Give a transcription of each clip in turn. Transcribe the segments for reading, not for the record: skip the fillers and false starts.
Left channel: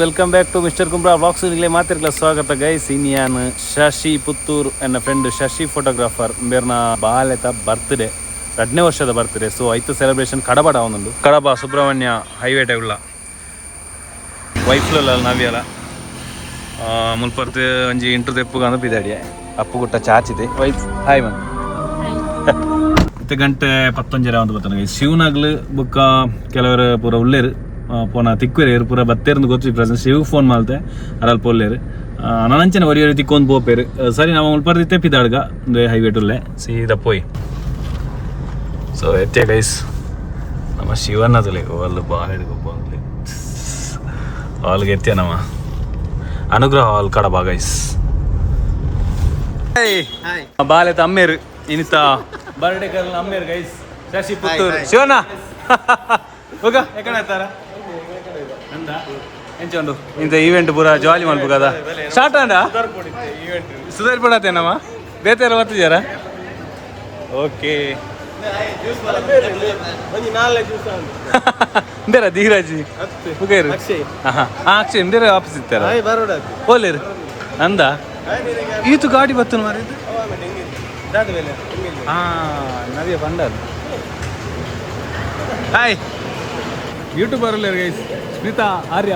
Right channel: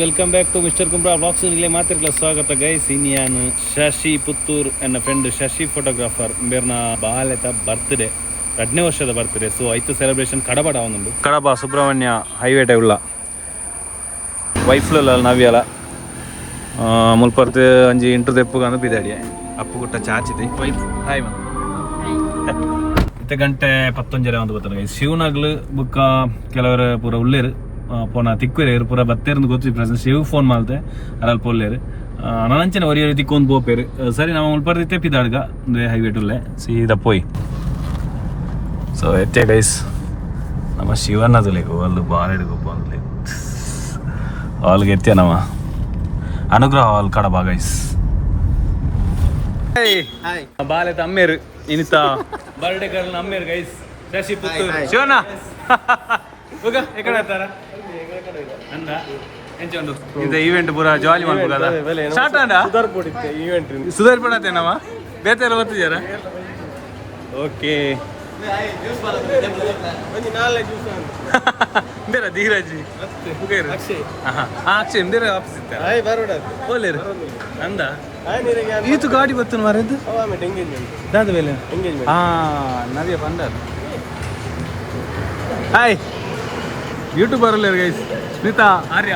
Welcome back to mister Kumbra box നിങ്ങളെ മാത്രമല്ല സ്വാഗತ ಗೈಸ್ ಇನ್ಯಾನ್ ಶಶಿ ಪುತ್ತೂರ್ ಎನ್ನ ಫ್ರೆಂಡ್ ಶಶಿ ಫೋಟೋಗ್ರಾಫರ್ ಬೇರ್ನ ಬಾಲೆತ ಬರ್ತ್ಡೇ 2ನೇ ವರ್ಷದ ಬರ್ತ್ಡೇ ಸೊ ಐತ ಸೆಲೆಬ್ರೇಷನ್ ಕಡಬಡ ಅವನೊಂದು ಕಡಬ ಸುಬ್ರಹ್ಮಣ್ಯ ಹೈವೇ ಟೈವ್ಲ ವೈಫ್ಲ ನವ್ಯಾಲ ಮುಲ್ಪರ್ತಿ ಒಂಜಿ ಇಂಟ್ರು ತೆಪ್ಪುಗ ಅಂದು ಬಿದಾಡಿ ಅಪ್ಪು ಗುಟ್ಟ ಚಾಚಿದೆ ವೈಫ್ ಹಾಯ್ ಮ್ಯಾಮ್ ಇತ್ತೆ ಗಂಟೆ 11 ಒಂದು ಬರ್ತಾನೆ ಗೈಸ್ ಶಿವನಾಗ್ಲು ಬುಕ್ಕ ಕೆಲವರು ಪೂರ ಉಳ್ಳೇರು ಪೋನ ತಿಕ್ಕುವೇರು ಪೂರ ಬತ್ತೇರ್ದು ಗೊತ್ತು ಪ್ರೆಸೆಂಟ್ ಶಿವ್ ಫೋನ್ ಮಾಲ್ತೆ ಅರಲ್ಲಿ ಪೋಲ್ಲೇರು ನನಂಚನೆ ಒರಿಯ ತಿಕ್ಕೊಂದು ಪೋಪೇರು ಸರಿ ನಾವು ಮುಲ್ಪರ್ದಿ ತೆಪ್ಪಿದಾಡ್ಗ ಒಂದು ಹೈವೇ ಟುಲ್ಲೆ ಸೀದಾ ಪೋಯ್ ಸೊ ಎತ್ತೆ ಗೈಸ್ ನಮ್ಮ ಶಿವಣ್ಣದಲೆ ಅಲ್ಲಿ ಬಾಳೆಡ್ಗು ಬಂದ್ಲಿ ಹಾಲ್ಗೆ ಎತ್ತೆ ನಮ್ಮ ಅನುಗ್ರಹ ಹಾಲ್ ಕಡಬ ಗೈಸ್ ಬಾಲೆತ ಅಮ್ಮೇರು ಇನಿತ ಬರ್ಡೇ ಕರ್ನ ಅಮ್ಮೇರು ಗೈಸ್ ಶಶಿ ಪುತ್ತೂರು ಶಿವಣ್ಣ ಹೋಗ ಎಕಡೆ ಆಯ್ತಾರ ಅಂದ ಎಂಚೊಂಡು ಇಂಥ ಈವೆಂಟ್ ಪೂರ ಜಾಲಿ ಮಾಡ್ಬೇಕದ ಸ್ಟಾರ್ಟ್ ಅಂಡ ಸುಧಾರ್ ಪಡತ್ತೇನಮ್ಮ ಬೇತಾರ ಬರ್ತಿದ್ಯಾರ ಓಕೆ ಇಂದೇರ ಧೀರಾಜಿ ಹುಗೇರು ಹಾಂ ಅಕ್ಷಯ್ ಇಂದೇರ ಆಫೀಸ್ ಇರ್ತಾರ ಓಲೇರು ಅಂದ ಈತು ಗಾಡಿ ಬತ್ತನು ಮಾರಿದ್ದು ಹಾಂ ನವ್ಯ ಬಂಡದು ಹಾಯ್ ಯೂಟ್ಯೂಬರ್ ಅಲ್ಲ ಗೈಸ್ ಸ್ಮಿತಾ ಆರ್ಯ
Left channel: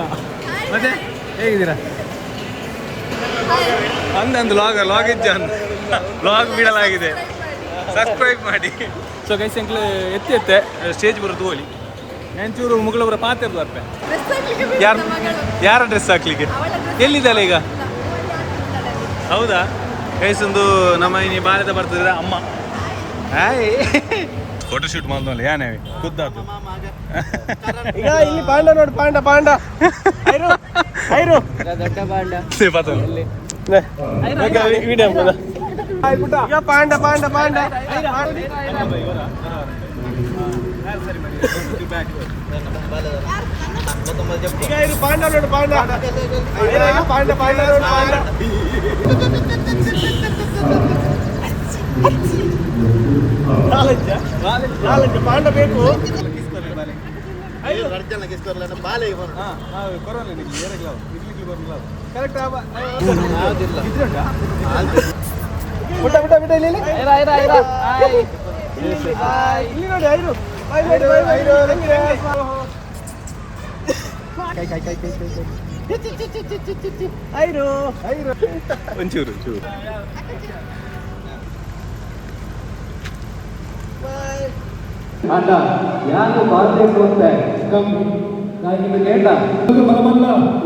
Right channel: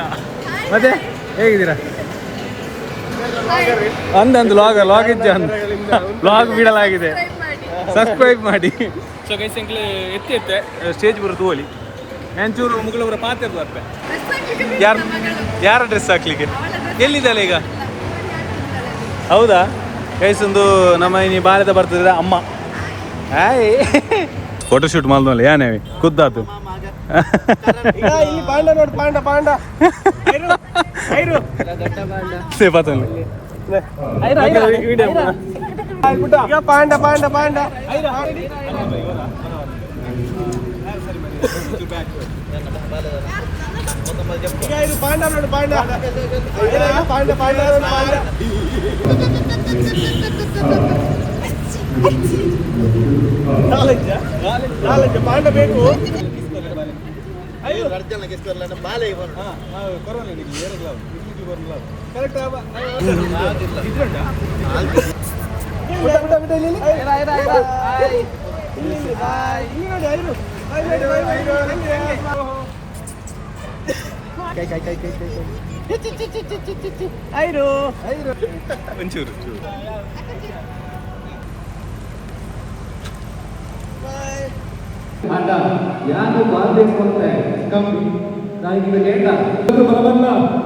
ಮತ್ತೆ ಹೇಗಿದ್ದೀರಾ ಅಂದಂದು ಲಾಗ್ ಇಜ್ಜ ಲಾಗ್ ಬಿಡಲಾಗಿದೆ ಸಬ್ಸ್ಕ್ರೈಬ್ ಮಾಡಿ ಸೊ ಗೈಸ್ ಎಂಕ್ಲು ಎತ್ತೆ ಸ್ಟೇಜ್ ಬರೋದು ಹೋಲಿ ಎಂಚೂರು ಮುಗಳವರ ಪಾತ್ರೆದು ಬರ್ತೆ ಯಾರ ಡ್ರೆಸ್ ಹಾಕ್ಲಿಕ್ಕೆ ಎಲ್ಲಿದ್ದಲ್ಲ ಈಗ ಹೌದಾ ಗೈಸ್ ಒಂದು ನಮ್ಮ ಇನಿ ಬಾಲ್ಯದ ಬರ್ತದ ಅಮ್ಮ ಹಾಯ್ ಫೋಟೋಶೂಟ್ ಮಾಡ್ದಲ್ಲ ಏನೇವಿ ಖುದ್ದಾತು ಪಾಂಡ ಬೇಕು ಒಂಚೂರು ಅಲ್ಲ ಯಾರು ಮಾಡಬೇಕು ಅಂತ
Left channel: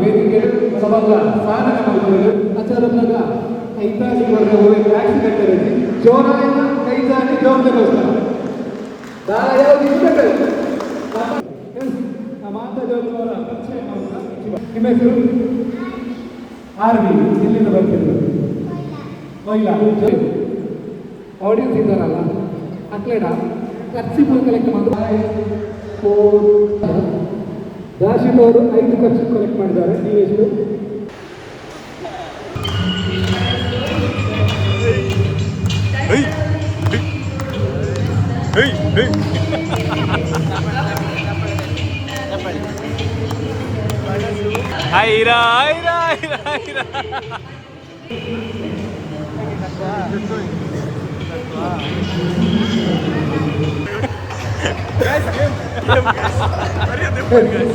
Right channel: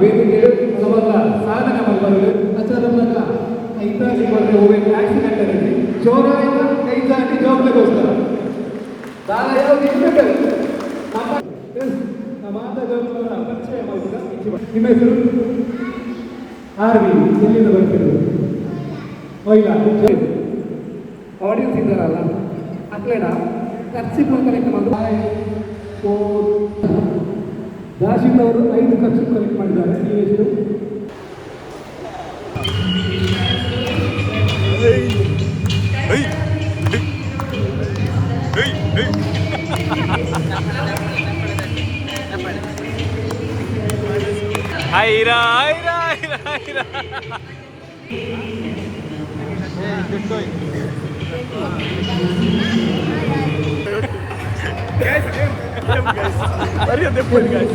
ವೇದಿಕೆ ಸಮಗ್ರ ಸಾಧನೆ ಮಾಡಲು ಅಚಾನಕ ಐತಿಹಾಸಿಕ ಆಕ್ಸಿಡೆಂಟ್ ಚೋರಾಯ ನೈಜಾಗಿ ಜವಾಬ್ದಾರಿಗೋಸ್ಕರ ನಿಮ್ಮ ಹೆಸರು ಆರ್ವಿ ಎಲ್ಲಿಂದ ಬರ್ತಿದ್ರು ಆಡಿಯನ್ಸ್ ಇದ್ದಾರಲ್ಲ ಅಕ್ಲೇಡ ಖರ್ಚಿಗಳು ಕಲೆಕ್ಟ್ ಮಾಡಿದ್ರು ದಾಶಿಕ್ ಅವರು 5 ಖರ್ಚು ಕಲೆಕ್ಟ್ ಮಾಡಿದ್ದಾರೆ ನೀವೆಷ್ಟು ಹೈರಾ ಹೈರಾ ಹೈರಾ ಹೈರಾ guys game sorry depan guys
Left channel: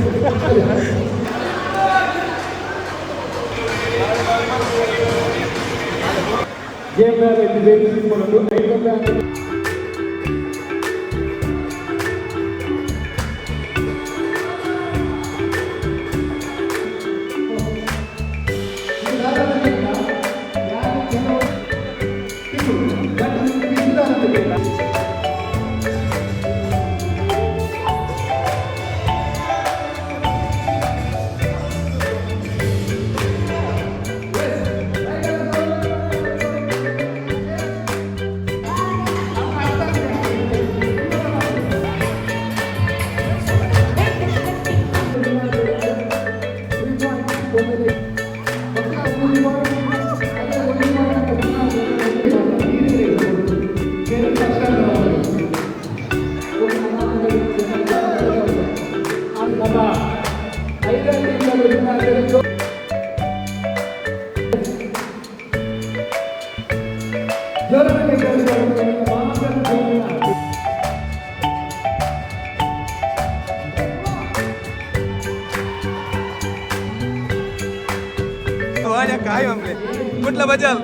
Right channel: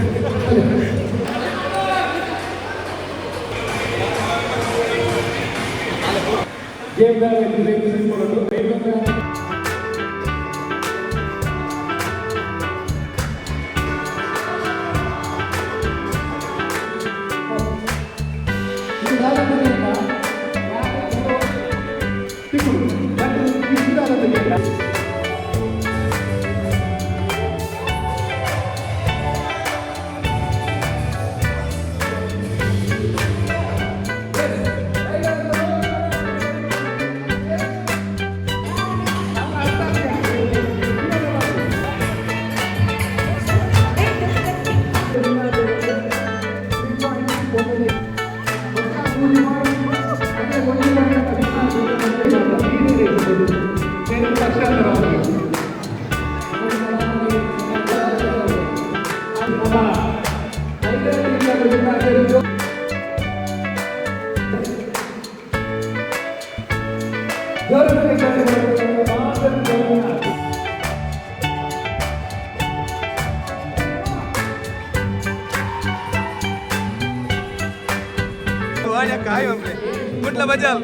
काय म्हणते कुठला बजाल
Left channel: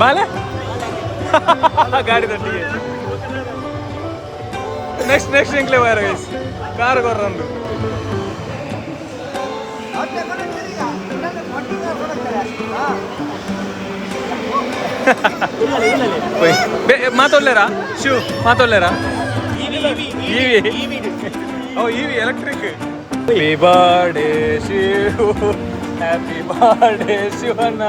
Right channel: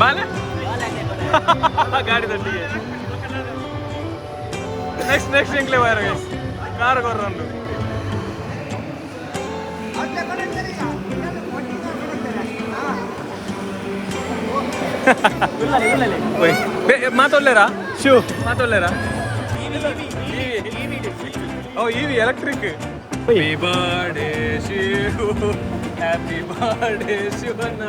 बाला गाडी तट्टी नेक्स्ट इंक्ले वयर कार कोर्रंदु ಮಾತಾಡ್ಲೇರಾ ಶಿವ್ ಮಾತಾಡ್ಲೇರಾ ಓ EV electric happy birthday Shiv happy birthday Shivanna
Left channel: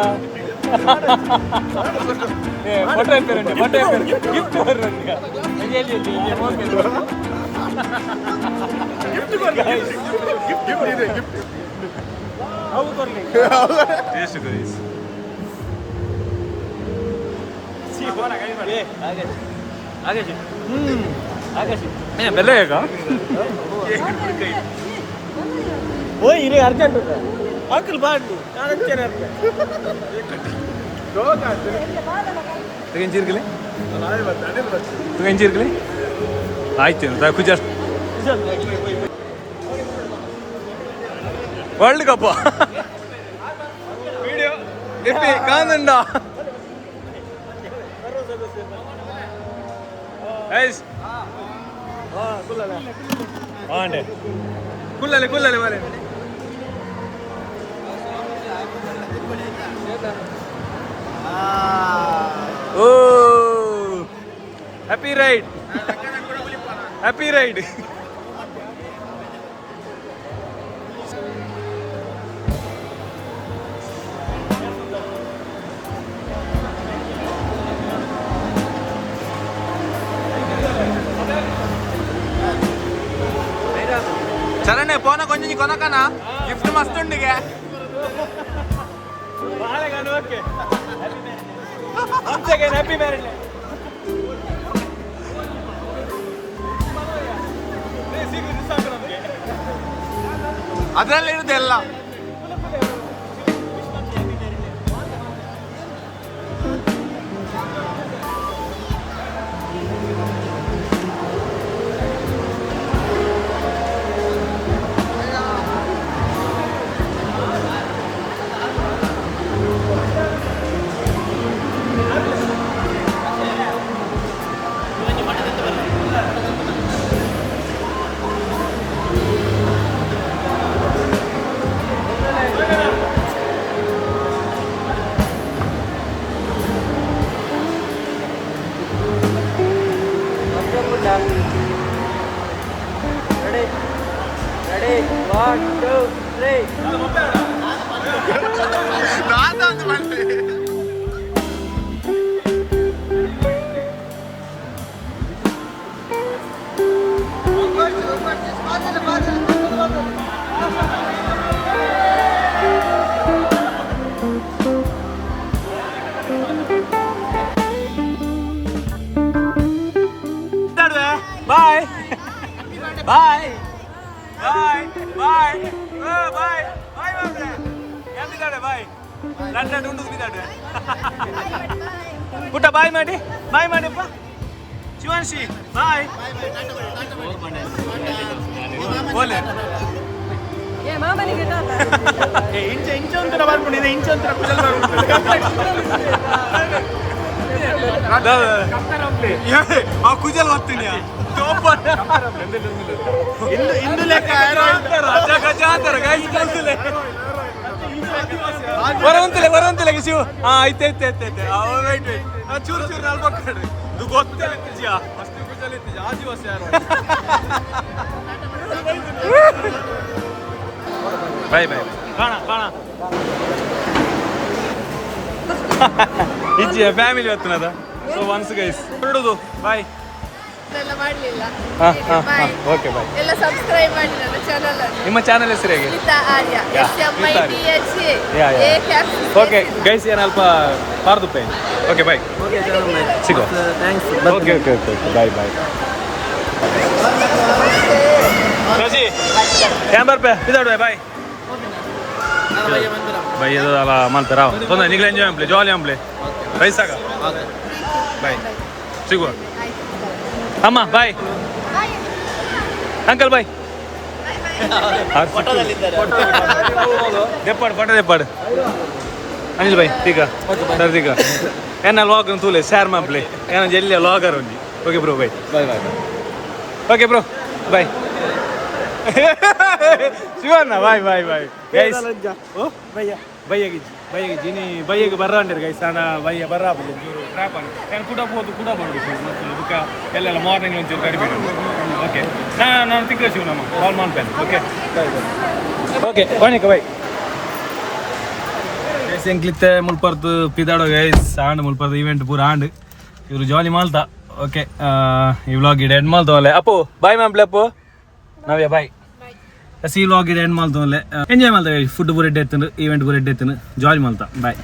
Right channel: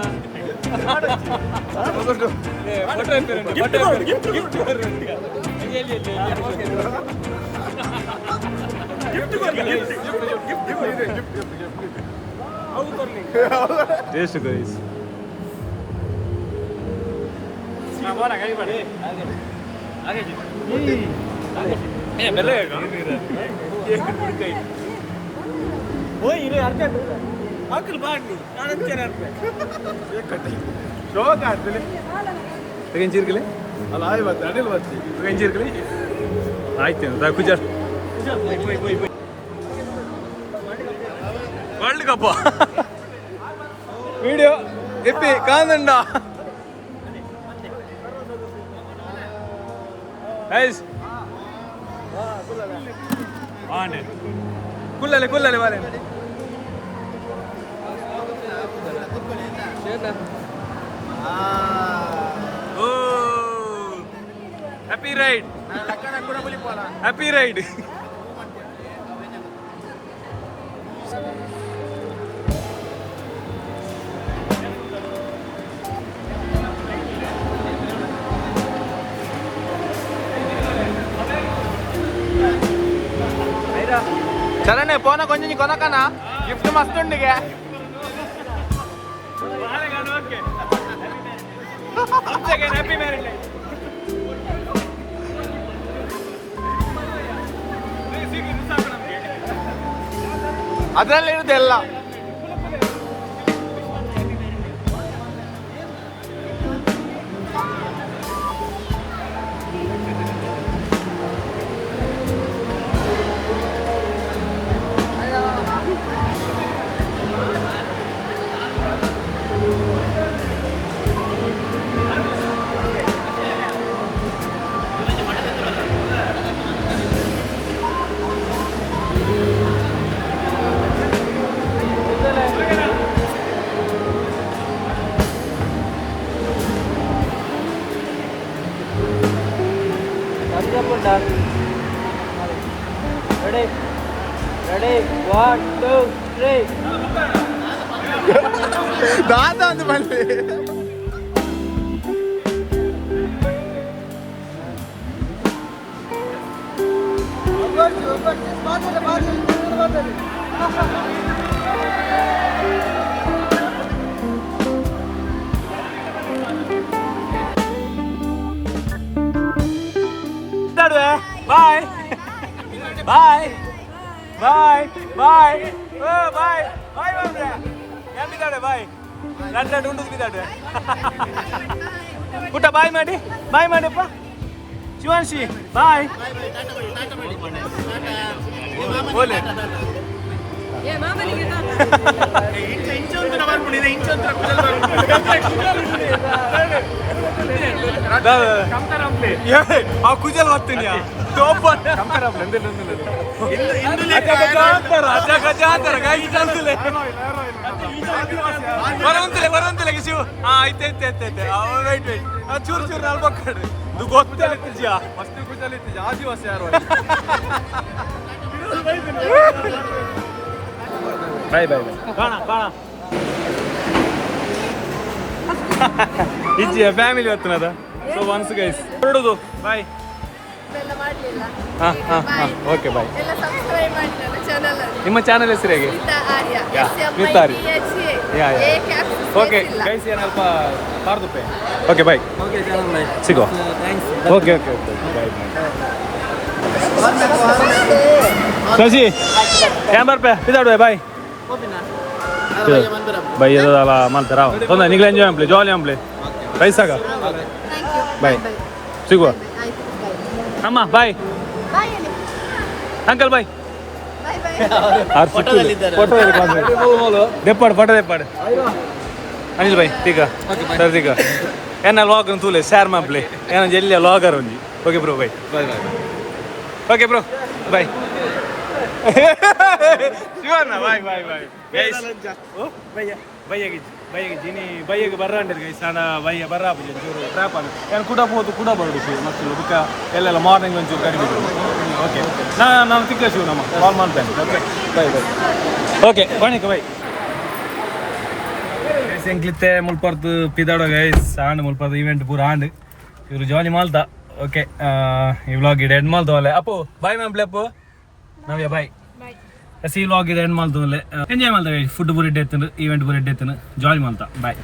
ಆಯ್ತು ವರ್ಲ್ಡ್ ಕಪ್ ವಿಡಿಯೋ ಎಪ್ಪಿ ಕಾಂದಂಡ ಕುಲ್ಲಲೆ ಮಾರೆ ಓ ಹ್ಯಾಪಿ ರೈಡ್ ಹ್ಯಾಪಿ ರೈಡ್ సరేనే పోనా కొంచెం కొనకనా గిఫ్ట్ మస్తుండే ಹ್ಯಾಪಿ ಮ್ಯಾರೇಜ್ ಲೈಫ್. ಅದರಲ್ಲಿ ಇರುತ್ತೆ ಎಲ್ಲ. ಒಂದು ಬಂದ್ವಿ. ಬಾಯ್ ಬಾಯ್ ಬಾಯ್ ಬಾಯ್ ಬಾಯ್ ಬಾಯ್ ಎಂಬಿದ್ದಾಳೆ ಬಾಯ್ ಲಡ್ಡು ಉಂಡು ಬಿದ್ದಾಳೆ ಊಟ ಬಾಯ್ ಮಾಡಿಪ್ಪ ಶಿವಾಂಶಿ ಬಾಯ್ ಓಲೆ ಆ ಕುಜಲ್ ಹೋಗ್ತೀನಿ ಬರಂತಿಲ್ಲ ಶಿವ. ಹಾ ಐತೆ ವೈಟ್ ಚೂರು ನಾಲ್ ಪಕ್ಕಡ್ರಿ ಇದು ಗೊತ್ತೇ ಆಗ್ತಿದ್ಯಾ. ಬಾಯ್ ಕಾಣ ಇಜ್ಜಿಯ ಫ್ಯಾಮಿಲಿ ಹೊತ್ತನದ. ಸೊ ಒನ್ಸ್ ಗೈಸ್ ಹೊರಡುದು ಬಾಯ್. Okay bye. ನಿಮ್ಮ ಚಾನಲ್ ಹೆಸರು ಹೇಗೆ? ಓಕೆ ಗೈಸ್ ಏನು ಅಲ್ಪ ಪಾರ್ದುಪ್ಪೆ. ಓಕೆ ಬಾಯ್ ಸಿಗೋ. ಓಕೆ ಬಾಯ್ ಶಶಿ ಕ್ಯಾಂಬರ್ ಪೇ ಇದಾಡುವೆ ಬಾಯ್ ಬಾಯ್ ಎಲ್ಲ ಮಾಡ್ತಾರ ತೊಂದರೆ ನಿಗ್ಲ ಎಂಜಾಯ್ ಅಂಪ್ಲೆ ಜಾಲಿ ಅಂಪ್ಲೆ ರೈಸಾಗ ಬಾಯ್ ಸಿಗುವ ಅಮ್ಮ ಬಾಯ್ ಅಂಕಲ್ ಬಾಯ್ ಫೋಟೋ ದೆಪ್ಪಾಡು ಅನಿಲ್ ಬಾಯ್ ತೀಗ ಸರ್ ತೀಗ ಏನ ಲಾಗರ್ ತೂಲೆ ಶೇರ್ ಮಾಡ್ಲೆ ಏನ ಎಲ್ಲಿ ಲಾಗರ್ ಒಂಜಿ. Okay bro bye okay bro bye Shivanna bye ಬಯ್ಯಗೆ ಜಿನಿ ಬಯ್ಯಗೆ ಬರ್ರಂಡಿರು ಗೈಸ್ ಸಾಡ ಬಯ್ಯ ಬರ್ರಾಪು ಚೂರು ಟ್ರ್ಯಾಪ್ ಆಗಿ ಏನು ಕೂಡ ಮಾಡಿ ಮಕ್ಕಳು ಬುಕ್ಕ ಎಲ್ಲೆಲ್ಲ ಮಾರ್ನಿಂಗ್ ಒಂಚೂರು ಕಡಿಮೆ. ಓಕೆ ನಾನು ತಿಕ್ಕ ಶಿವ ನಮ್ಮ ಕಾಲ್ ಮಾಡ್ತೇನೆ. ಓಕೆ ಒಣಕ ಬೈ ಗೈಸ್ ಎಂಕ್ಲಿತ್ತೆ ಮುಲ್ಪರ್ದು ಪಿದಾಡೋ ಗೈಸ್ ಆಂಡ್ ಮುಲ್ಪರ್ದು ಇವೆಂಟ್ ಪೂರ ಆಂಡ್ ಇವರು ಜಾಲಿ ಮಾಲ್ತಾ. ಓಕೆ ಈ ವ್ಲಾಗ್ ಇಡೆ ಎಂಡ್ ಮಾಡ್ತವಲ್ಲ ಅಪ್ಪು ಬಾಯ್ ಮಾಡ್ಲೆ ಅಪ್ಪು ನಾವೇ ಬಾಯ್ ಈ ವ್ಲಾಗ್ ಇಡೆ ಎಂಡ್ ಮಾಡ್ತವಲ್ಲ ಎಂಜಾಯ್ ಮಾಡ್ತೇವೆ. ಫುಡ್ ಪೂರ ಎಡ್ಡೆ ಎತ್ತನು ಈವೆಂಟ್ ಪೂರ ಎಡ್ಡೆ ಎತ್ತನು ಜಾಲಿ ಮಾಡ್ತಾ ಬಾಯ್.